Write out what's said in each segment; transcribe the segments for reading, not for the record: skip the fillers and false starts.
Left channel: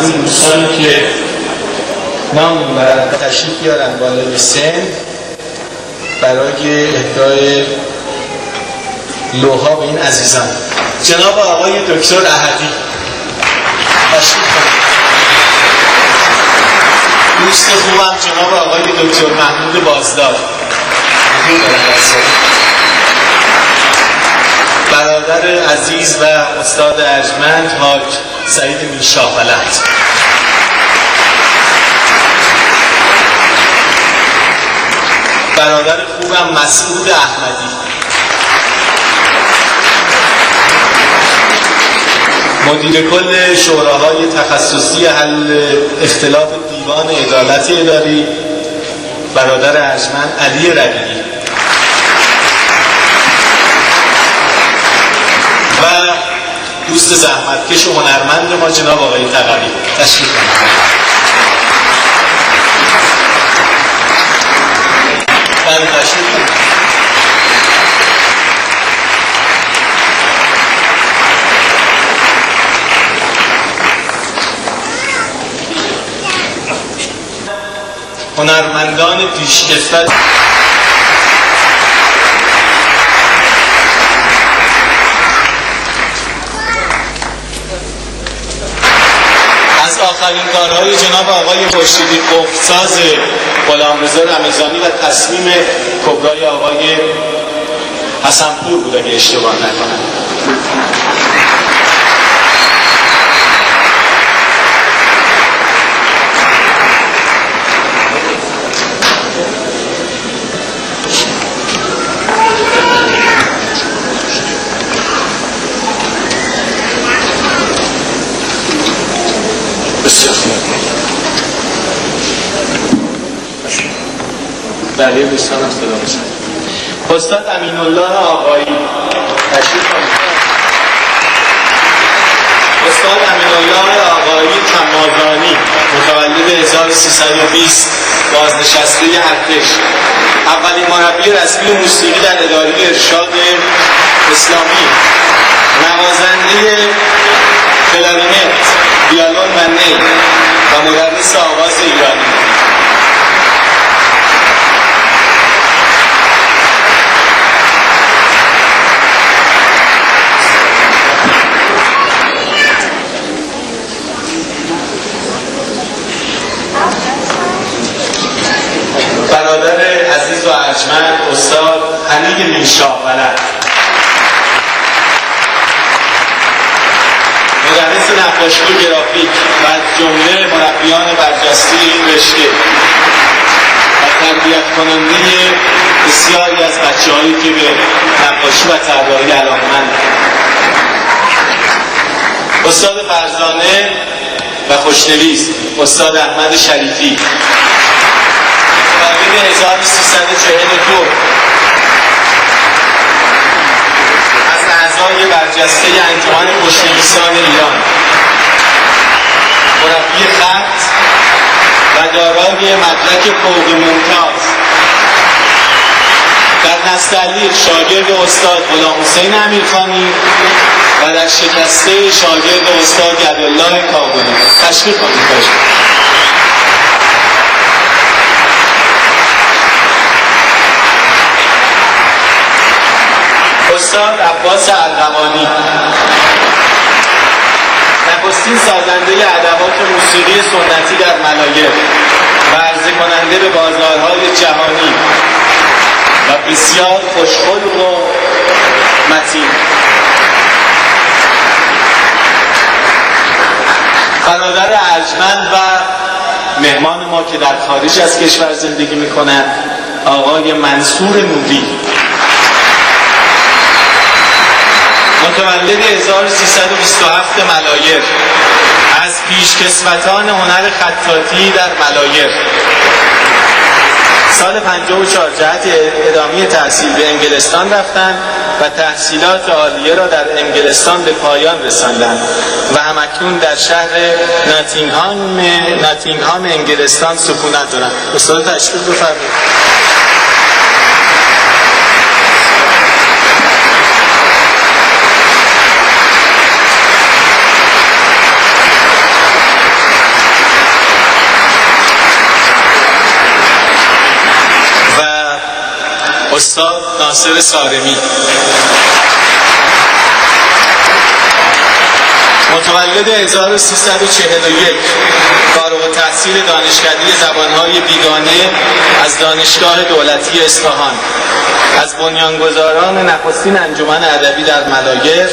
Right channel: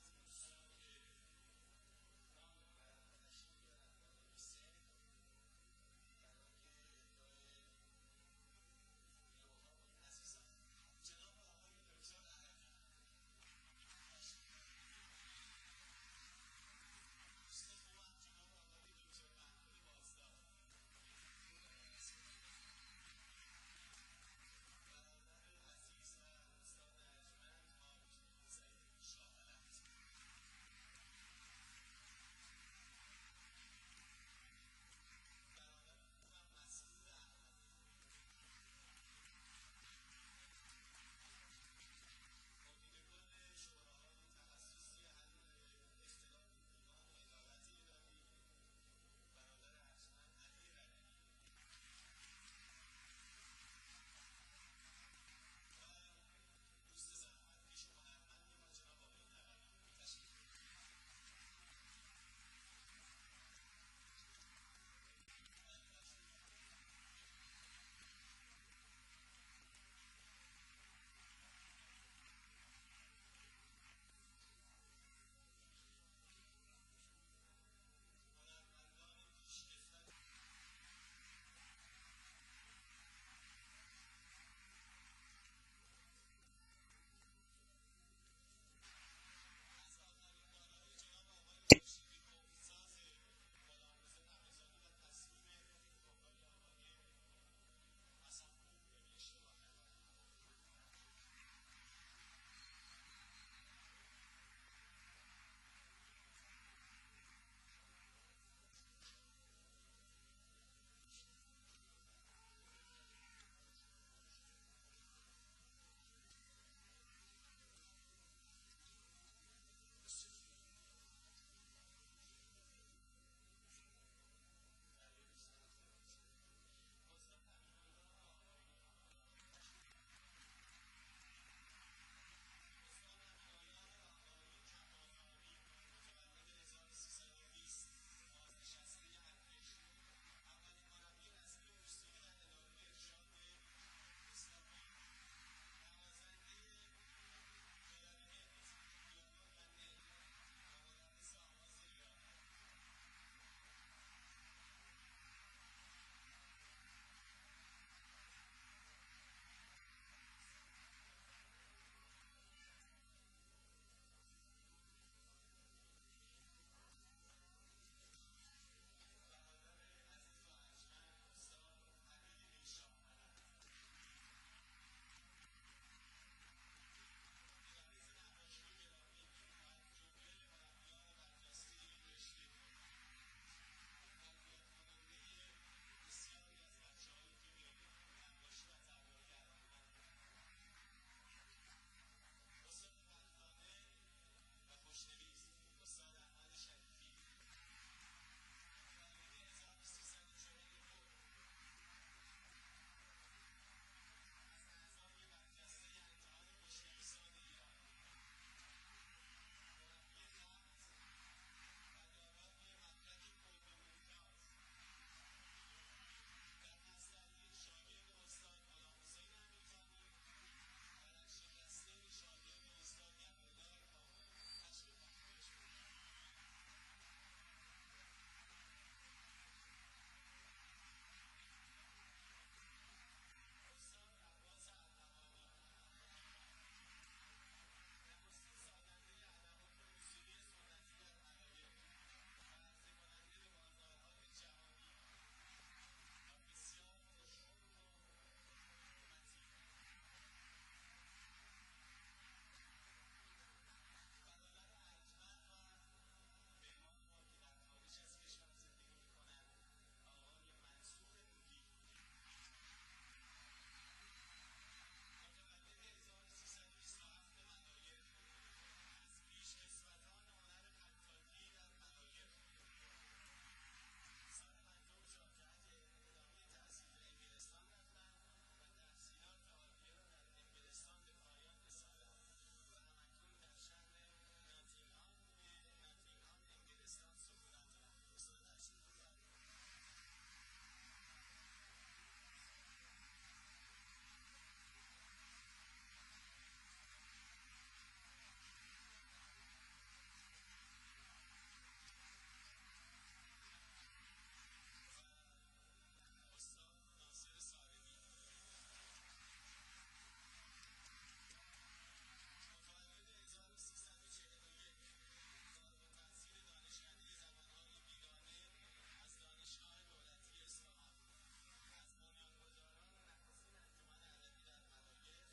خدمتتون دوستانی که نام میبرن تشریف بیارن بالای سن برای اهدای لوحا به این عزیزان. جناب آقای دکتر احدی تشریف کنید. دوست خوبم جناب آقای دکتر محمود بازدار، برادر عزیز و استاد ارجمند حاج سعید میرشاه‌ولد، برادر خوبم مسعود احمدی، مدیر کل شوراهای تخصصی حل اختلاف دیوان عدالت اداری برادر ارجمند علی ربیعی و دوست زحمتکش و هنرمند ما جناب آقای تقوی تشریف کنید. هنرمندان پیشکسوت از آخرین کارهای جناب آقای خورشیدی قفل‌ساز غلامرضا رمضانی و تصمیم کبرای آقای حسنپور بود اگه اشتباه نکنم. بله دوستان هم صدا میشن. استاد امین‌الله آقایی تشریف کنید. استاد امین‌الله آقایی کمازانی متولد 1320 بازنشسته ارتش، اولین مربی رسمی موسیقی در اداره ارشاد اسلامی، نوازنده کلارینت، ویولن و نی و مدرس آواز ایرانی. برادر عزیز و ارجمند استاد حمید میرشاه‌ولد، مدرس نقاشی و گرافیک و از جمله مربیان برجسته این رشته و تربیت کننده بسیاری از بچه‌هایی که به نقاشی و طراحی علاقه‌مند. استاد فرزانه و خوشنویس استاد احمد شریفی، متولد 1342 از اعضای برجسته انجمن خوشنویسان ایران، مربی خط و دارای مدرک فوق ممتاز، در نستعلیق شاگرد استاد غلامحسین امیرخانی و در شکسته شاگرد استاد یدالله کابلی. تشریف کنید. استاد عباس ارغوانی، نخستین سازنده ادوات موسیقی سنتی در ملایر و عرضه کننده به بازارهای جهانی و بسیار خوشخلق و متین. برادر ارجمند و مهمان ما که در خارج از کشور زندگی میکنند آقای منصور نوری، متولد 1327 ملایر، از پیشکسوتان هنر خطاطی در ملایر، سال 54 جهت ادامه تحصیل به انگلستان رفتند و تحصیلات عالیه را در انگلستان به پایان رساندند و همکنون در شهر ناتینگهام انگلستان سکونت دارند. استاد تشریف بفرمایید. ناصر سارمی. متولد 1341، فارغ التحصیل دانشکده زبانهای بیگانه از دانشگاه دولتی اصفهان، از بنیانگذاران نخستین انجمن ادبی در ملایر،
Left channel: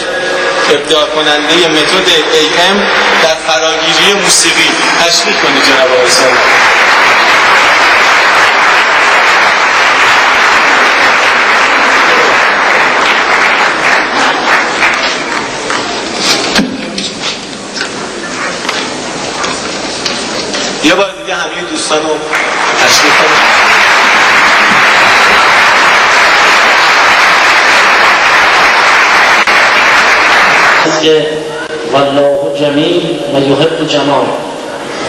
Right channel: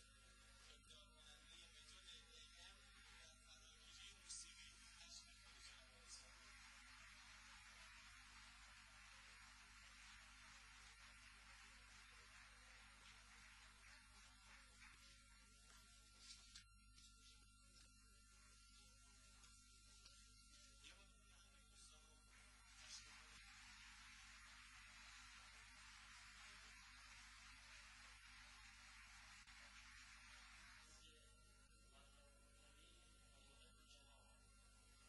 ابداع کننده متد AM در فراگیری موسیقی. تشریح کنید جناب آقای سارمی. یه بار دیگه همه دوستان رو تشریح کنید. که والله جمیل و یحب جمال،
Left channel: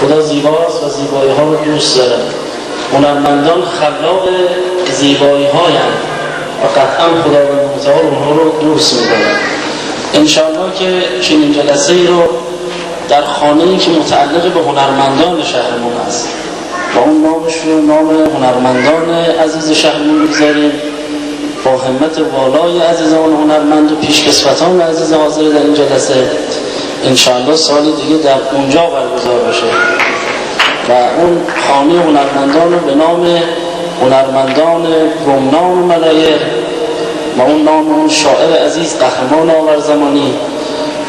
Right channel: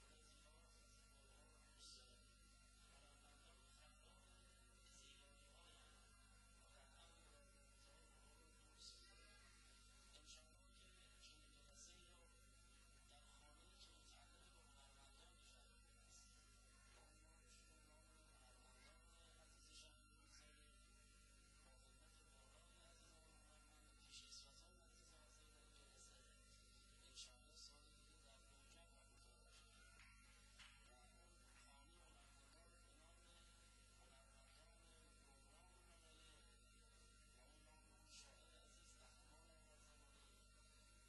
خدا زیباست و زیبایی ها رو دوست داره. هنرمندان خلاق زیبایی هایند و قطعا خداوند متعال اونها رو دوست می‌داره. انشاءالله که چنین جلسه ای رو در خانه‌ای که متعلق به هنرمندان شهرمون است و اون نامش رو نام هنرمندان عزیز شهرمون بگذاریم، با همت والای عزیزان هنرمند و پیشکسوتان عزیز حاضر در این جلسه انشاءالله سال دیگه در اونجا برگزار بشه و اون خانه هنرمندان رو به نام هنرمندان گمنام ملایر و اون نام اون شاعر عزیز قهرمان آورزمانی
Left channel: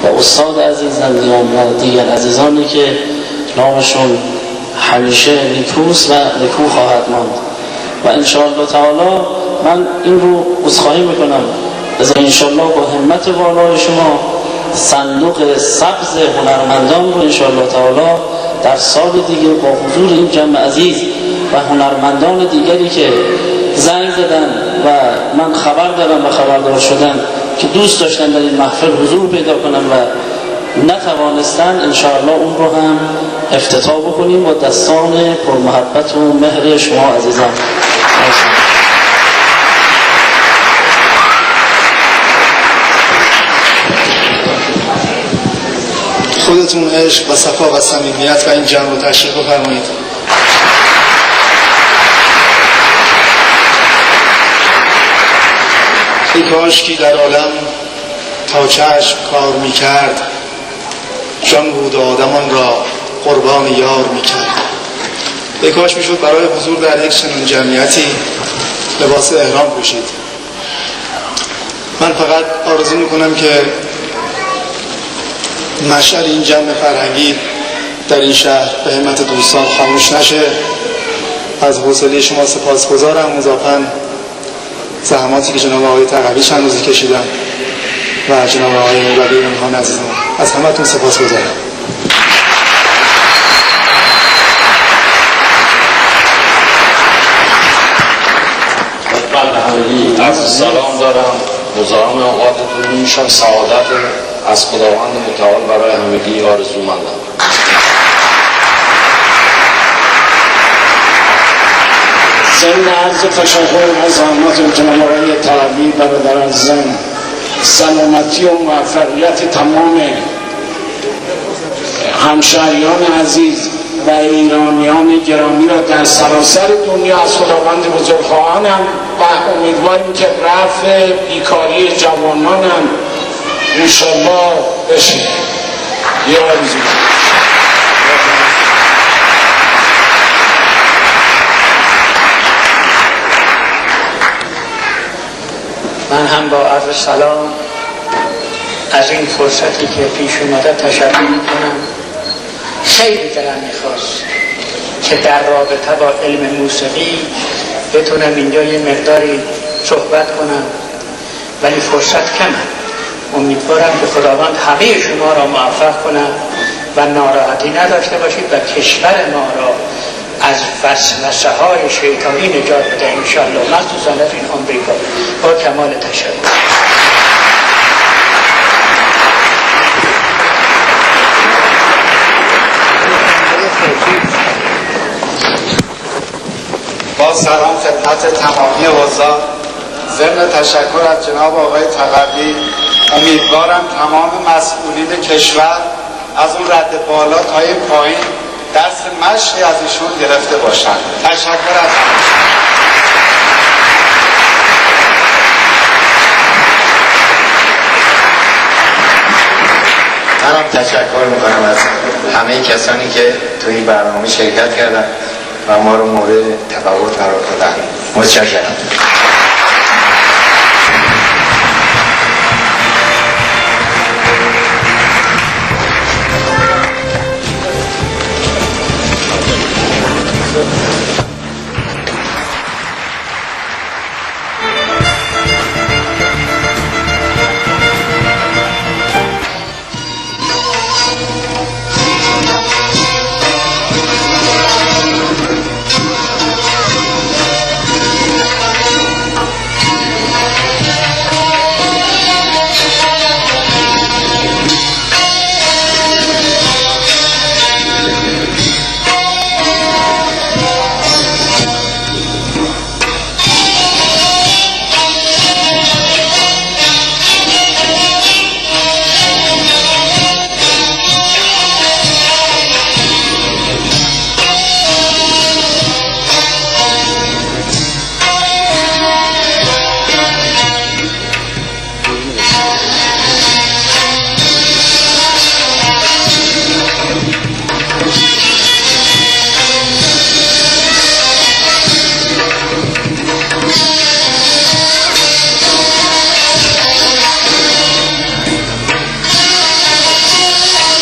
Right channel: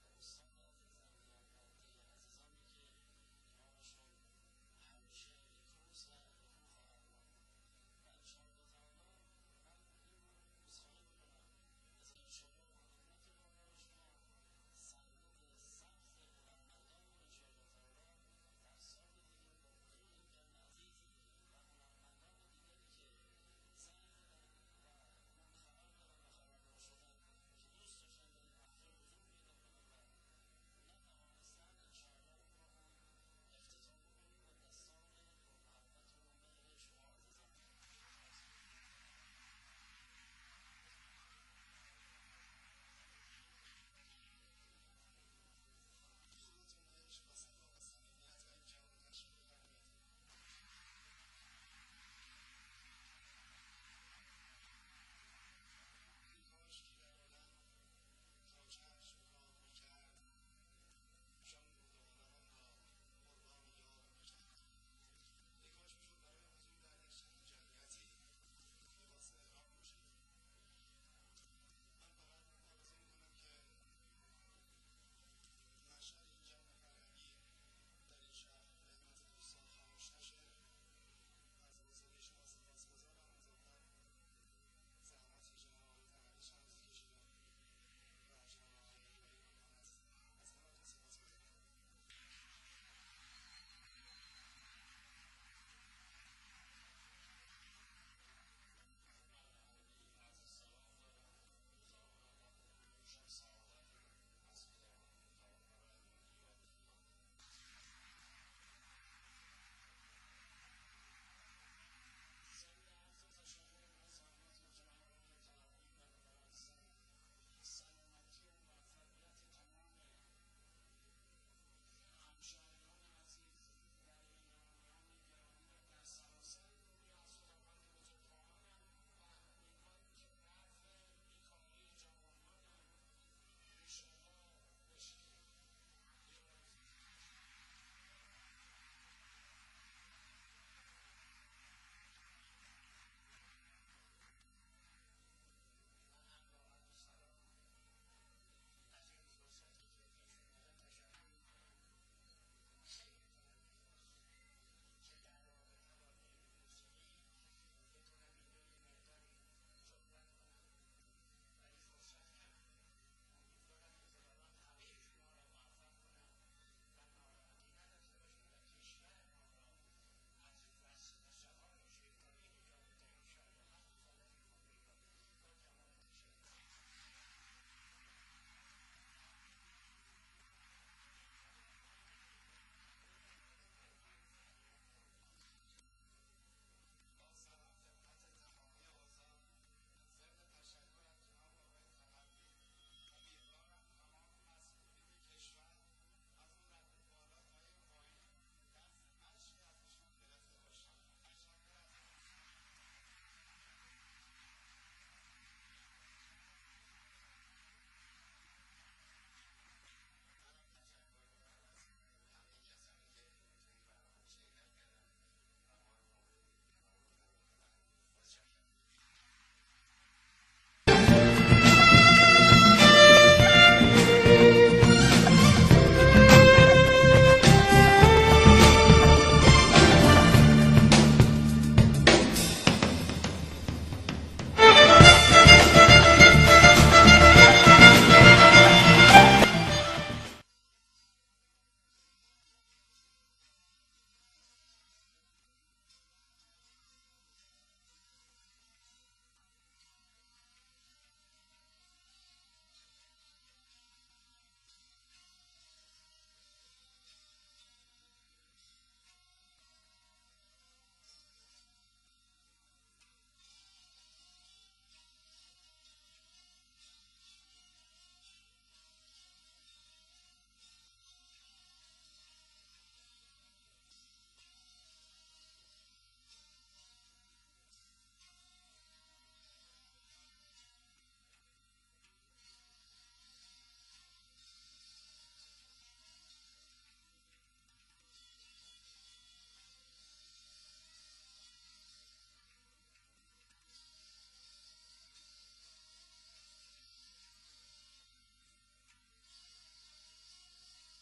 و استاد عزیز زندیان و دیگر عزیزانی که نامشون همیشه نیکوست و نیکو خواهد ماند و انشاءالله تعالی من این رو عذرخواهی میکنم از انشاءالله با همت والای شما صندوق سبز هنرمندان رو انشاءالله تعالی در سال دیگه با حضور این جمع عزیز و هنرمندان دیگری که زنگ زدن و من خبر دارم و خبردار شدم که دوست داشتن در این محفل حضور پیدا کنن و نتوانستن، انشاءالله اون رو هم افتتاح بکنیم با دستان پرمحبت و مهر شما عزیزان. خودتون عشق و صفا و صمیمیت و این جمع رو تشریف بفرمایید. ای کاش که در عالم تا چشم کار میکرد، جان بود آدمان را قربان یار میکرد. ای کاش میشد برای حضور در یک چنین جمعیتی لباس احرام پوشید. من فقط آرزو میکنم که مشعل این جمع فرهنگی در این شهر به همت دوستان خاموش نشه. از حوصله شما سپاسگزارم، مضافاً زحماتی که جناب آقای تقوی چند روزی کشیدن و جناب آقای ولی اونها عزیزم، از همتون سپاسگزارم. از سلام دارم، مزاحم اوقاتتون میشم، سعادت از خداوند متعال برای همگی آرزومندم. ضمن عرض تشکر از زحمات جناب آقای تقوی برادر عزیزم، سلامتی و موفقیت تمام همشهریان عزیز و ایرانیان گرامی را در سراسر دنیا از خداوند بزرگ خواهانم و امیدواریم که رفع بیکاری جوانانم انشالله بشه. یه آرزو من هم با عرض سلام از این فرصتی که پیش اومده تشکر میکنم. خیلی دلم میخواست که در رابطه با علم موسیقی بتونم اینجا یه مقداری صحبت کنم، ولی فرصت کمه. امیدوارم که خداوند همه شما را موفق کنم و ناراحتی نداشته باشید و کشور ما را از وسوسه های شیطانی نجات بده انشاءالله، مخصوصا از این آمریکا. با کمال تشکر. با سلام خدمت تمامی حضار، ضمن تشکر از جناب آقای تقوی امیدوارم تمام مسئولین کشور از اون رد بالا تا این پایین درس مشقی از ایشون گرفته باشند. تشکر از منم تشکر میکنم از همه کسانی که توی این برنامه شرکت کردن و ما رو مورد تفاوت قرار دادن. متشکرم.